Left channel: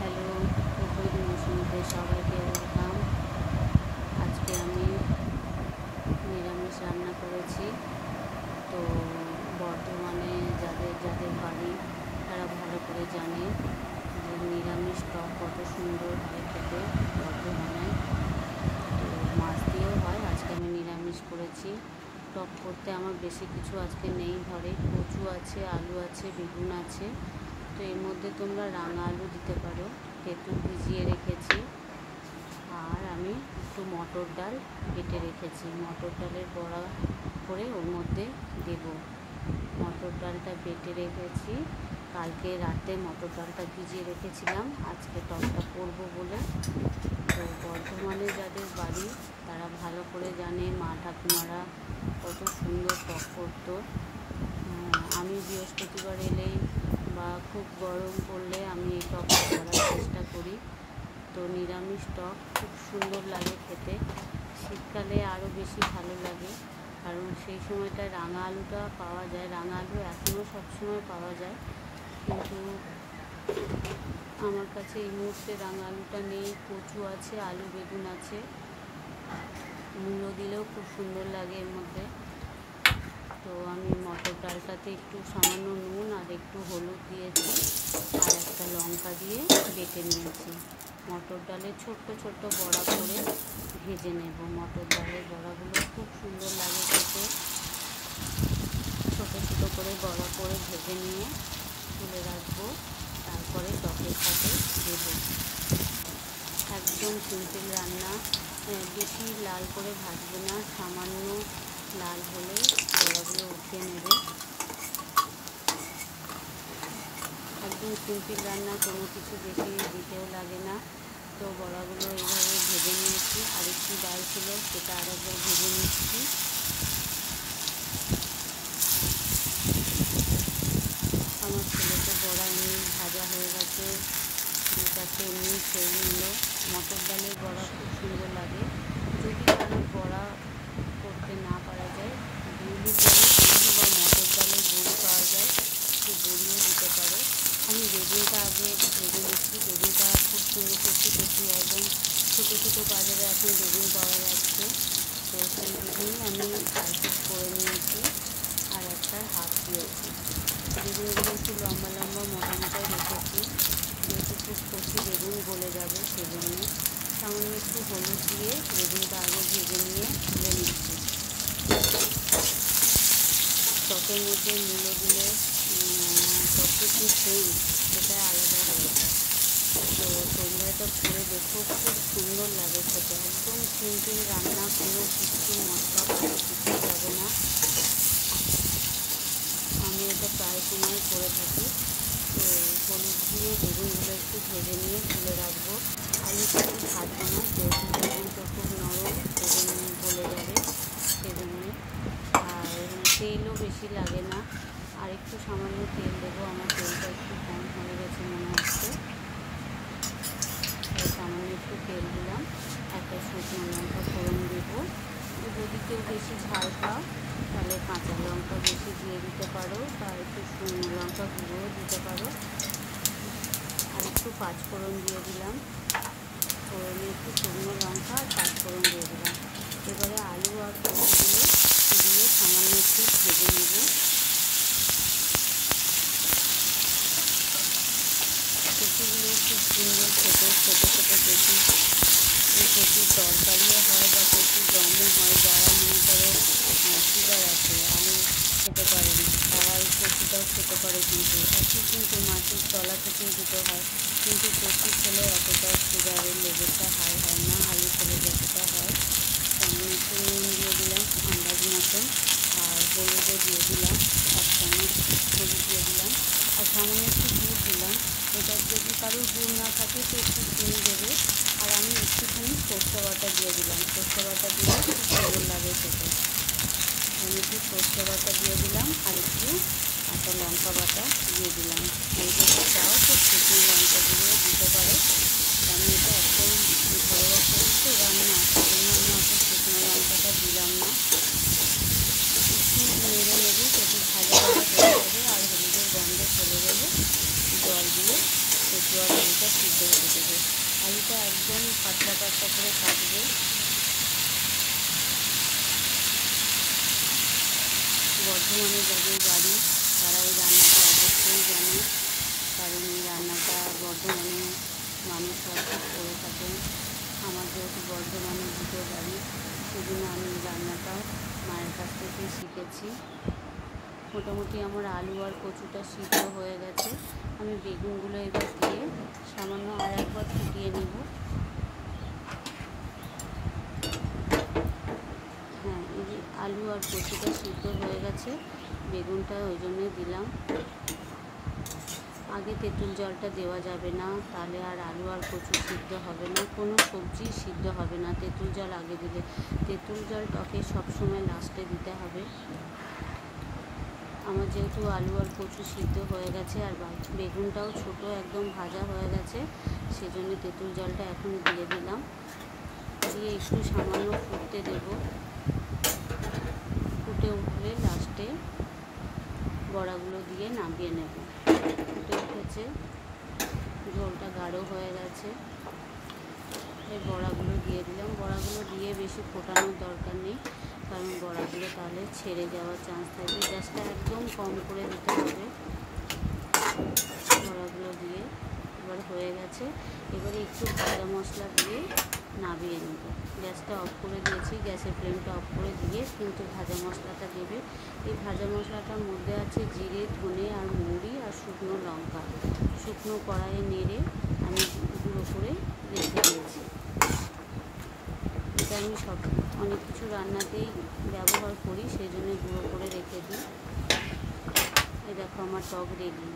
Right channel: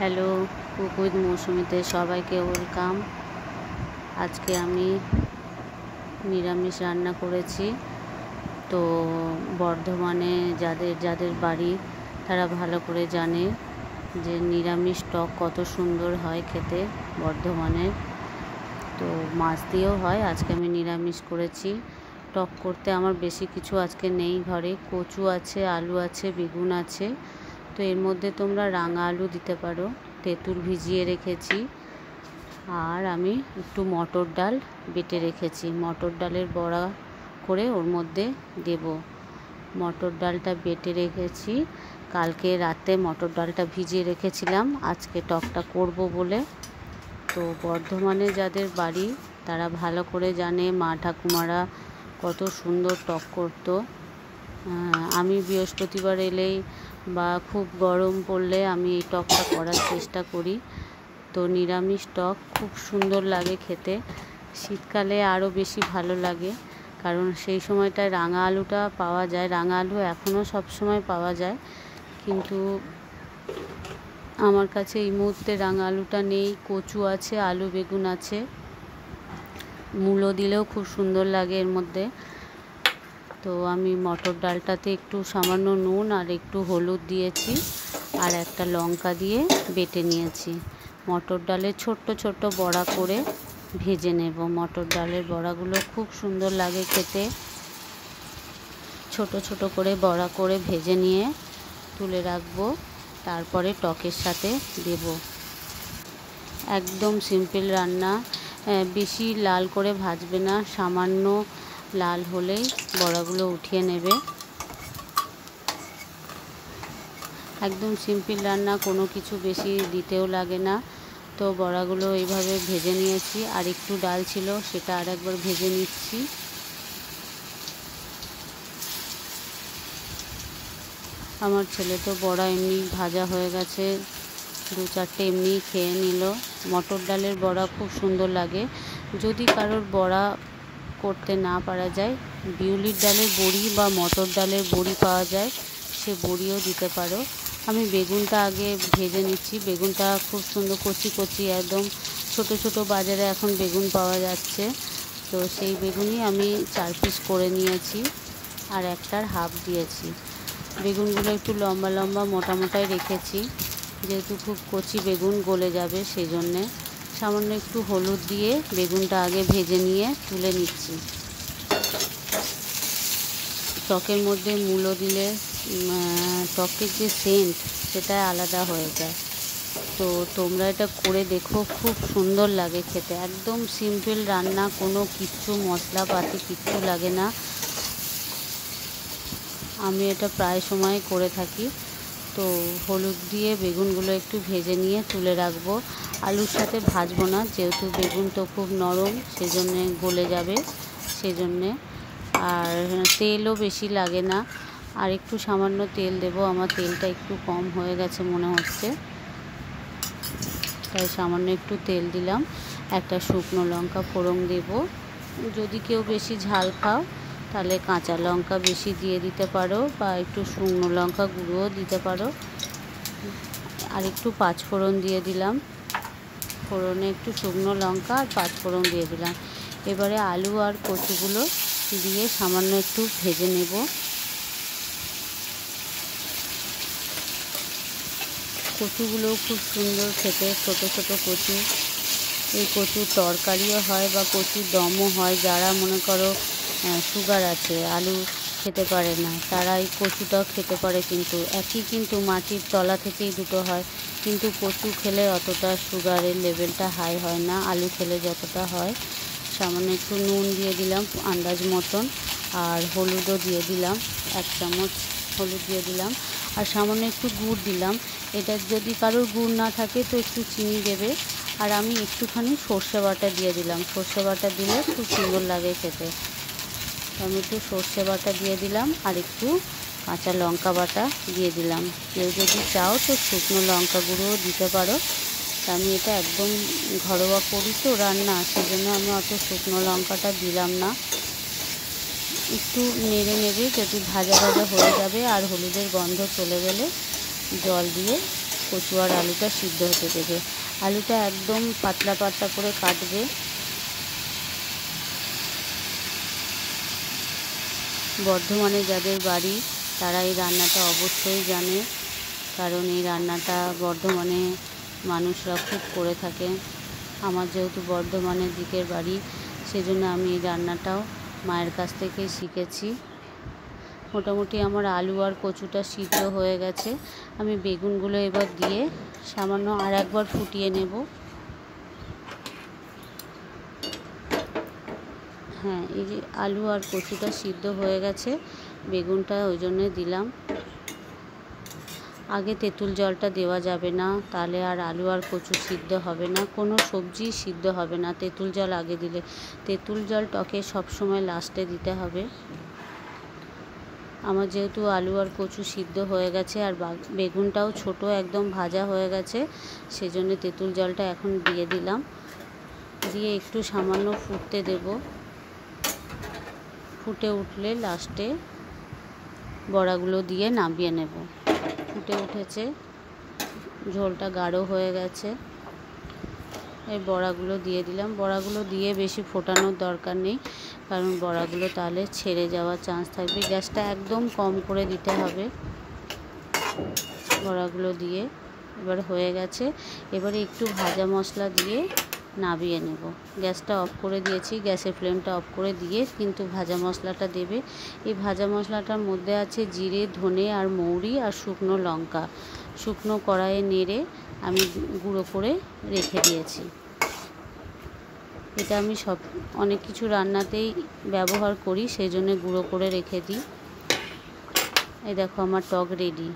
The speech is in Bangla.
হ্যালো, কুক উইথ মৌসুমিতে সবাইকে ওয়েলকাম। আজকে আমি নিরামিষ রান্না করেছি। তো বর্ধমানে যাদের যাদের বাড়ি তারা ভালো করে জানে যে নিরামিষ টক কত সুন্দর হয় খেতে বর্ধমানে। তো মাছ দিয়েও হয়, আজকে আমি নিরামিষ করেছি। টক করতে আমার বেশি কিছু আজকে নেই ঘরে। কচু আছে, আলু আছে, বেগুন আছে। তো এর মধ্যে তোমরা রাঙা আলু দিতে পারো, তেঁতুল ভিজিয়ে রেখেছি। আর আমি একটু মটর ডাল বেটে রেখেছি, মটর ডালের বড়া করে ওর মধ্যে দেব। মটর ডালটা বেটে রেখেছি, কালকে রাতে মটর ডালটা ভিজিয়ে রেখেছিলাম আজকে টকটা করব বলে। তো বর্ধমানে যাদের বাড়ি তারা ভালো করে জানে মা ঠাকুমারা কত সুন্দর টক করতো। আমি বৃহস্পতিবার এলেই বা খুব গরম পড়লে আমি এই টকটা করার চেষ্টা করি। তো নিরামিষ টক খুব সুন্দর লাগে খেতে, শীতকালে আরও বেশি ভালো লাগে, কারণ সেই সময়টায় রাঙা আলুটা পাওয়া যায়। রাঙা আলু এখনও সবসময় পাওয়া যায়, কিন্তু আমার কাছে এই মুহূর্তে রাঙা আলুটা নেই। কচু আছে, আলু বেগুন আছে, মূলো দিলেও খুব সুন্দর লাগে এর মধ্যে। তো আমি মটর ডালটাতে একটু সামান্য নুন আর একটু হলুদ দিয়েছি, আর একটা লঙ্কা দিয়ে বেটে নিয়েছি। মটর ডালের ছোট্ট ছোট্ট বড়া করে ভেজে নেব। মটর ডালের বড়াগুলো খুব সুন্দর লাগে খেতে। ছোট ছোট করে বড়া করে ভেজে নিয়ে তুলে রাখবো, তারপরে টকের সাথে দেব। একদম সিম্পল রান্না, বেশি লাল করে ভাজবে না, সামান্য লাল হলেই বড়াগুলো উঠিয়ে নেবে। একদম সিম্পল রান্না, কোনো কিছু বেশি দিতেও লাগে না। তো বড়াগুলো এইভাবে ভেজে নিয়েছি, আর একটু ডাল ছিল সেটা আরেকবার ভেজে নিচ্ছি। আমার ছেলে তো বড়া এমনি ভাজা হয়ে গেছে, 2-4টে এমনি খেয়ে নিল। মটর ডালের বড়া খুব সুন্দর লাগে। যদি কারোর বড়া করতে না পারা যায়, বিউলির ডালের বড়ি বা মটর ডালের বড়ি পাওয়া যায়, সে বড়িও দিতে পারো। আমি বেগুনটা আগে ভেজে নিচ্ছি। বেগুনটা খুব সুন্দর কচি কচি, একদম ছোট ছোট বাজারে এখন বেগুন পাওয়া যাচ্ছে। তো সেই বেগুনই আমি 4 পিস করে নিয়েছি, আর একটার হাফ দিয়েছি। বেগুনগুলো একটু লম্বা লম্বা মোটা মোটাই রেখেছি, যেহেতু খুব কচি বেগুন গলে যাবে সেই জন্যে। সামান্য একটু হলুদ দিয়ে বেগুনটা আগে ভেজে নিয়ে তুলে নিচ্ছি। টকের মধ্যে মূলো দিলে টকের যে সেন্ট সেটা আলাদা হয়ে যায়। তো তোমরা এটা করে দেখো, খুব সুন্দর লাগে খেতে। একদম সিম্পল রান্না, কোনো কিছু মশলাপাতি কিছুই লাগে না। আমি এটা প্রায় সময় করে থাকি। তো হলুদ দিয়ে বেগুনগুলো একটু ভেজে নিয়ে তুলে রাখবো। আলুর সাথে ভাজবো না, যেহেতু বেগুন তো খুব নরম, সেজন্যে গলে যাবে সেজন্যে। আর তেলও বেশি লাগে না, আর একটু সামান্য তেল দেবো। আমার তেলটা একটু কম হয়ে গেছে মনে হচ্ছে, তাই সামান্য একটু তেল দিলাম। একটা শুকনো লঙ্কা ফোড়ন দেব। যদি কেউ বেশি ঝাল খাও তাহলে কাঁচা লঙ্কা বেশি দিয়ে দিতে পারো, বা একটু শুকনো লঙ্কা গুঁড়োও দিতে পারো। আর একটু পাঁচফোড়ন দিয়ে দিলাম, ফোড়নে একটু শুকনো লঙ্কা আর পাঁচফোড়ন দিয়ে দিলাম। এবারে আলু আর কচুগুলো দিয়ে সামান্য একটু ভেজে নেব। কচুগুলোও খুব সুন্দর খেতে, ছোটো ছোটো কচু। এই কচুর তরকারিও হয় বা কচুর দমও হয়। যারা মনে করো সুগার আছে, আলু খেতে পারে না, তারা এই কচুটাও খেতে পারে। কিন্তু একই, কিন্তু মাটির তলা থেকেই দুটো হয়। কিন্তু কচু খেলে অতটা সুগারের লেভেলটা হাই হয় না, আলু খেলে যতটা হয়। সামান্য একটু নুন দিয়ে দিলাম আন্দাজ মতন, আর হলুদও দিয়ে দিলাম, 1 চামচ হলুদ দিয়ে দিলাম, আর সামান্য একটু গুড় দিলাম। এটা যদি কারোর গুড় না থাকে তো একটু চিনি দেবে। আর আমি একটুখানি সর্ষে বাটা দিয়ে দিলাম, সর্ষে বাটা দিলে খুব সুন্দর লাগে খেতে। আমি একটু সর্ষে বাটা দিয়ে দিলাম, আর একটু কাঁচা লঙ্কা বাটা দিয়ে দিলাম। কেউ যদি চাও তো শুকনো লঙ্কা গুঁড়োও দিতে পারো। আমি এটা একদম ঘরোয়া করি তো রান্না, সেজন্য আমি অত শুকনো লঙ্কাটা দিলাম না। একটু নেড়ে নেড়ে যদি ভাজা ভাজা হয়ে যাবে আর হলুদের গন্ধ চলে গেলে জল দিয়ে কচু আর আলুটা সিদ্ধ হতে দেবে। আলুটা একদম পাতলা পাতলা করে কাটবে। বর্ধমানে যাদের বাড়ি তারা এই রান্নাটা অবশ্যই জানে, কারণ এই রান্নাটা বর্ধমানে মানুষরা খুব করে থাকেন। আমার যেহেতু বর্ধমানের দিকের বাড়ি, সেজন্য আমি এই রান্নাটাও মায়ের কাছ থেকেই শিখেছি। মোটামুটি আমার আলু আর কচুটা সিদ্ধ হয়ে গেছে। আমি বেগুনগুলো এবার দিয়ে সামান্য আর একবার ফুটিয়ে নেব। হ্যাঁ, এই যে আলু আর কচুটা সিদ্ধ হয়ে গেছে, বেগুনটা ওই জন্যে দিলাম। আগে তেঁতুল জলটা দেওয়া যাবে না, তাহলে আর আলু আর কচু সিদ্ধ হবে না, কোনো সবজি সিদ্ধ হবে না তেঁতুল জল আগে দিলে। তেঁতুল জল টকে সবসময় লাস্টে দিতে হবে। আমার যেহেতু আলু আর কচু সিদ্ধ হয়ে গেছে আর বেগুনটাও ছোট একদম ভাজা হয়ে গেছে, সেজন্য তেঁতুল জলটা এখন দিয়ে দিলাম। দিয়ে একটু সামান্য ফুটতে দেব। ফুটে উঠলে লাস্টে বড়াগুলো দিয়ে নামিয়ে নেব। ফুটে উঠেছে, ঝোলটা গাঢ় হয়ে গেছে। এই বড়াগুলো দিয়ে দিলাম। বড়াগুলো দিয়ে বেশি ফোটানোর দরকার নেই, কারণ বড়াগুলো তাহলে ছেড়ে যাওয়ার চান্স থাকবে। গ্যাসটা একদম কম করে দিতে হবে। বড়াগুলো দিয়ে এবার হয়ে গেছে। এবারে একটু ভাজা মশলা দিয়ে নামিয়ে নেব। গ্যাসটা অফ করে দিয়েছি, গ্যাসের ফ্লেমটা অফ করে দিয়ে কিন্তু ভাজা মশলাটা দেবে। এই ভাজা মশলাটার মধ্যে আছে জিরে, ধনে আর মৌরি আর শুকনো লঙ্কা। শুকনো কড়াইয়ে নেড়ে আমি গুঁড়ো করে রেখে দিয়েছি। এটা আমি অনেক কিছু রান্নাতেই ব্যবহার করি, সেই জন্য গুঁড়ো করে রেখে দিই। এই দেখো আমার টক রেডি।